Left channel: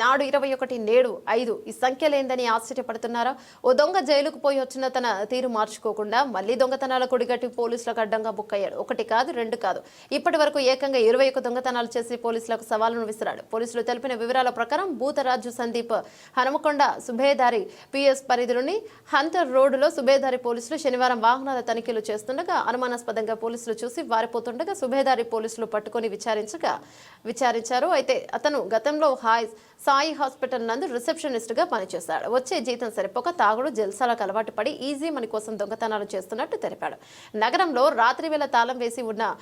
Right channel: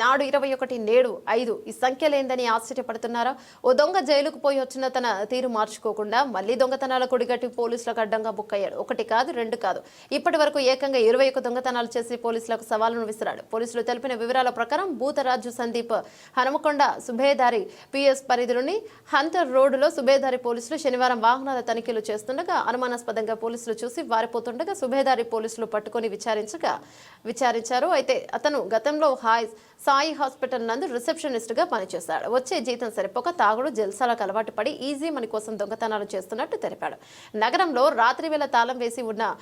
నాడు 21 నేడు 5 ఈ సంఖ్యలేందని ఆశ్చర్యపడుతున్నారా? ఓ దొంగ జైలుకు పోయి వచ్చిన తన తీరు మార్చుకోకుండా మళ్లీ దొంగతనాల కొడిగట్టి పోలీసులకు అడ్డంగా బుక్కయ్యాడు. ఒకటి కాదు, రెండు కాదు, ఇప్పటి వరకు ఏకంగా 21 దొంగతనాలు చేసి పోలీసులకు సవాలును విసిరాడు. పోలీసులు తెలిపిన వివరాల ప్రకారం భూతరాజు సందీప్ హనుమకొండ సుబేదారి పిఎస్ పరిధిలోని హంటర్ రోడ్డులో సుబేదారి పోలీసులు శనివారం వాహనాల తనిఖీలు చేస్తుండగా అనుమానాస్పదంగా పోలీసులు చూసి వారిపోతుండగా సుబేదారి పోలీసులు పట్టుకొని విచారించారు. అయితే అతను గతంలో సాయి హాస్పిటల్ నందు రిసెప్షనిస్ట్ గా పనిచేశాడు. వచ్చే జీతం సరిపోక తాగుడు జల్సాలకు అలవాటు పడి ఈజీ మనీ కోసం దొంగతనాలు చేస్తున్నట్టు తెలిపాడు. నగరంలో రాత్రి వేళ తాళం వేసి ఉన్న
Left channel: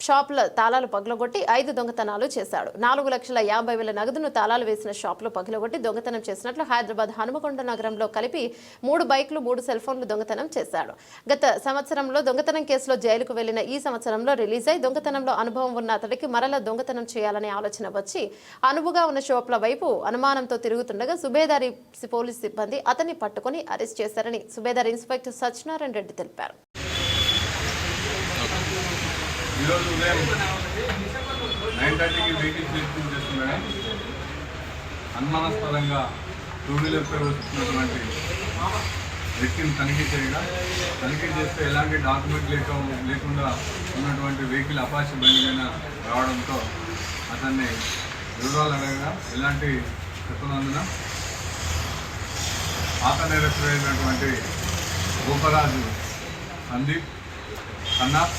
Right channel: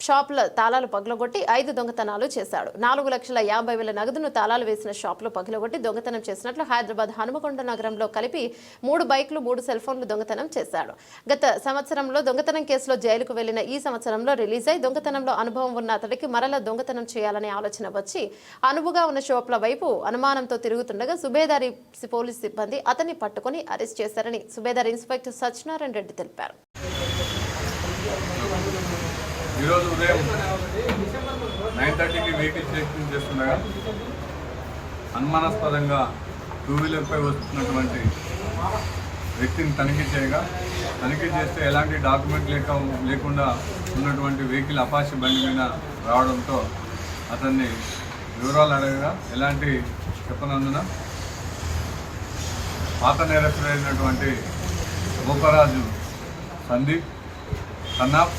షాపుల తాళాలు పగలగొట్టి 5 దొంగతనాలు చేశాడు. 4,50,000 నగదును తాళాలు వేసిన షాపులు పగలగొట్టి దొంగతనం చేసినట్లు హైదరాబాద్ హనుమకొండ నగరంలో కలిపి 3 బైకులు 3 సెల్ ఫోన్లు దొంగతనం చేశాడు. గత సంవత్సరంలో దొంగతనం కేసులో జైలుకు వెళ్లిన ఈ సంవత్సరంలో రిలీజ్ అయి దొంగతనంలో అనుభవం ఉన్న అతడికి మరలా దొంగతనం చేయాలనే ఆలోచన వచ్చి అనువుగా ఉన్న షాపుల వైపు అనుమానంతో తిరుగుతుండగా సుబేదారి పోలీస్ సిబ్బంది అతన్ని పట్టుకుని అరెస్ట్ చేశారని సుబేదారి ఇన్స్పెక్టర్ సత్యనారాయణ రెడ్డి తెలిపారు. ఈరోజు ఉదయం 9:30కి వెహికల్ చెకింగ్ చేస్తుండగా అనుమానాస్పదంగా 2 వీలర్పై వస్తున్నటువంటి వ్యక్తిని తనిఖీ చేస్తే ఎలాంటి డాక్యుమెంట్ లేకుండా ఉన్నటువంటి వెహికల్ అపాచీ బండి మీద రావడంతో అతన్ని వివరాలు అడగగా ఎలాంటి చెప్పనందున పాత నేరస్తులైనటువంటి భూతరాజు సందీప్ కన్నాప్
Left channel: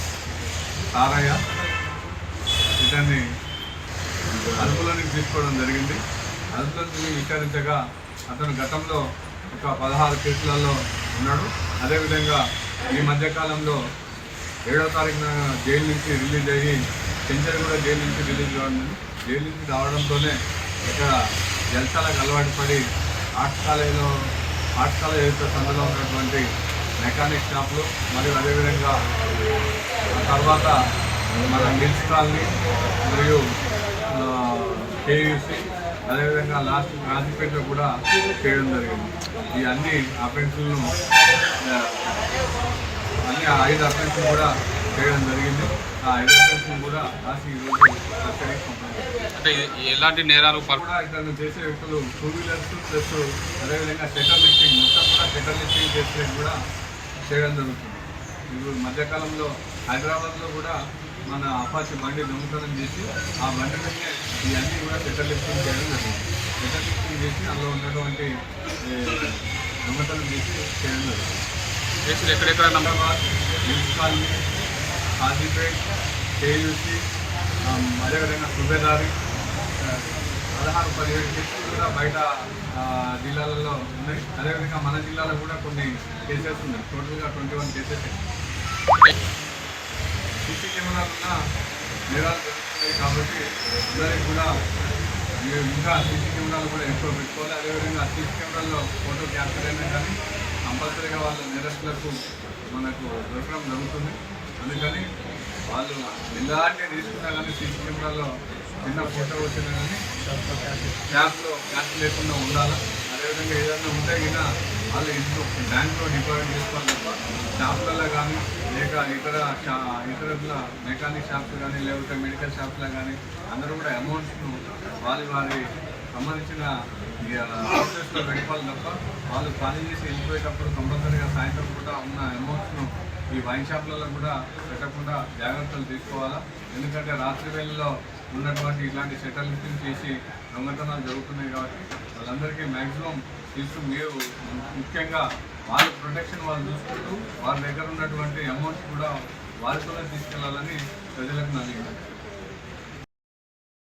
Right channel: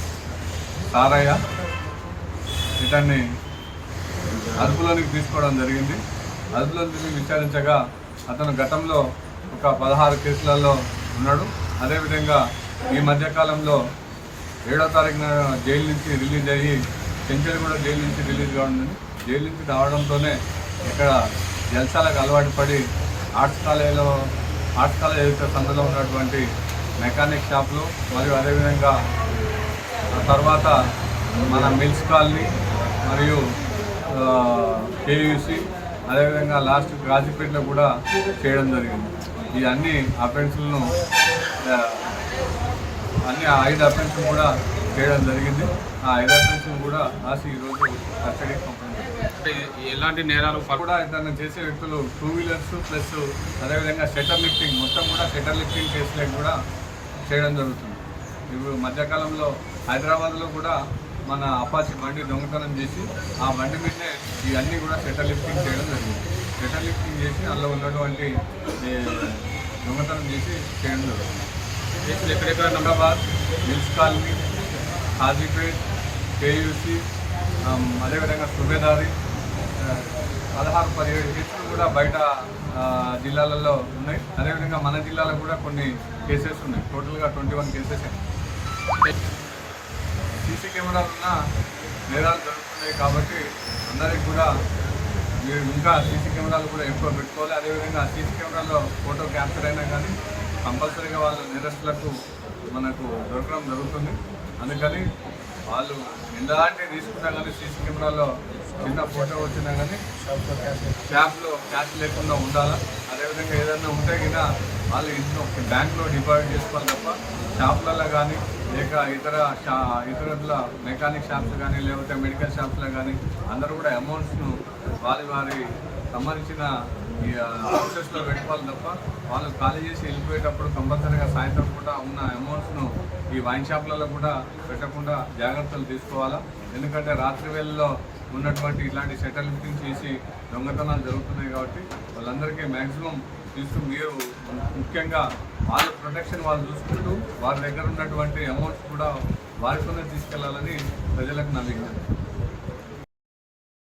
సారయ్య ఇతన్ని అదుపులోనికి తీసుకోవడం జరిగింది. అదుపులోకి విచారించగా అతను గతంలో ఒక 16 కేసులలో ఉన్నాడు. అదేవిధంగా ఈ మధ్యకాలంలో 7వ తారీఖున జైలు నుంచి రిలీజ్ అయ్యి చెంచల్గూడ జైలు నుంచి రిలీజ్ కావడం. జైలు నుంచి రావడంతోనే ఇక్కడ జల్సాలకు అలవాటు పడి ఆర్ట్స్ కాలేజ్ సందులో ఉన్నటువంటి మెకానిక్ షాపులు మరియు అదేవిధంగా తర్వాత మన మిల్స్ కాలనీ మరియు కేయూసీ అదేవిధంగా లాస్ట్ గాజీపేటలో కూడా చేయడం జరిగింది. ఈ అన్ని అఫెన్స్లను 5 అఫెన్స్లు కూడా చేయడం జరిగింది. ఆ 5 అఫెన్స్లు కూడా రాసి ఈరోజు కస్టడీకి పంపడం జరిగింది. అంటే ఎలాంటి నేరాలు కూడా ఇతను చేసే వ్యక్తులు 2 వీలర్స్ ప్లస్ అదేవిధంగా షట్టర్ లిఫ్టింగ్ మొత్తం కూడా షట్టర్ లిఫ్టింగ్ కేసులకు కూడా చేయడం జరుగుతుంది. ఇప్పుడు మధ్యకాలంలో హైదరాబాద్లో కూడా మన అపాచీ బండి దొంగతనం చేసి ఆ బండి మీదనే ఇవన్నీ కూడా షట్టర్ లిఫ్టింగ్ చేయడం జరిగింది. షట్టర్ లిఫ్టింగ్ చేసి అందులో ఉన్నటువంటి దొంగతనం చేసి చేయడం జరుగుతుంది. కేసులు ఎక్కడెక్కడ Hyderabad, mills colony, Kazipet, KUC అదేవిధంగా సుబేదారి 16-17 కేసులు కూడా బయట జిల్లాలలో ఉన్నాయి. అదేవిధంగా మన జిల్లాలో కూడా కొన్ని కేసెస్ ఉన్నాయి. టోటల్గా 21 కేసెస్. సీసీ కెమెరాలు ఉన్న నేరాలు జరుగుతున్నాయి కాబట్టి అందరికీ కూడా ఇంకా సీసీ కెమెరాలు కూడా ఎక్కువ పెట్టుకోవాలి. అదేవిధంగా సీసీ కెమెరాలో ఫోటో క్యాప్చర్ అయినా కానీ కంపల్సరీగా వాళ్ళ నేరస్తులకు మనకు దొరకడం జరుగుతుంది. అందుకని వాళ్ళు ఎలాంటి తీసుకున్నా కానీ సీసీ కెమెరాలో చిన్న ఫోటో వచ్చినా కానీ క్యాప్ లేకుండా ఉండాలా. అదేవిధంగా ఏదైనా ఉంటే కూడా వాళ్ళు ఇంట్లో బ్యాంకులో డిపాజిట్ చేసుకోవాలి తప్ప షాపులలో కానీ లేక ఇతర మెకానిక్ షాప్స్ కానీ లేకపోతే మెడికల్ షాప్స్లో కానీ అందరూ కూడా అమౌంట్స్ను వారి సంబంధించిన హౌసెస్లో పెట్టుకోవాలి తప్ప వాళ్ళు ఖాళీ చేసి వెళ్ళిపోయేటప్పుడు కంపల్సరీగా సాయంత్రం కూడా ఉన్న అమౌంట్స్ను ఈ వైన్ షాప్లలో కూడా పెట్టకుండా జాగ్రత్తలు తీసుకోవాలా. ఎందుకంటే రాత్రి వేళల్లో ఉన్నటువంటి ఇలాంటి షట్టర్ లిఫ్టింగ్ చేసి దొంగతనాలు జరుగుతున్నాయి కాబట్టి వాళ్ళందరికీ మ్యాక్సిమం మీరు ముఖ్యంగా వాళ్ళ ప్రొటెక్షన్ వాళ్ళు చూసుకుంటూ వారి దగ్గర ఉన్నటువంటి అమౌంట్స్ కూడా వారితోనే తీసుకెళ్లాలని ప్రజలకు నా విజ్ఞప్తి.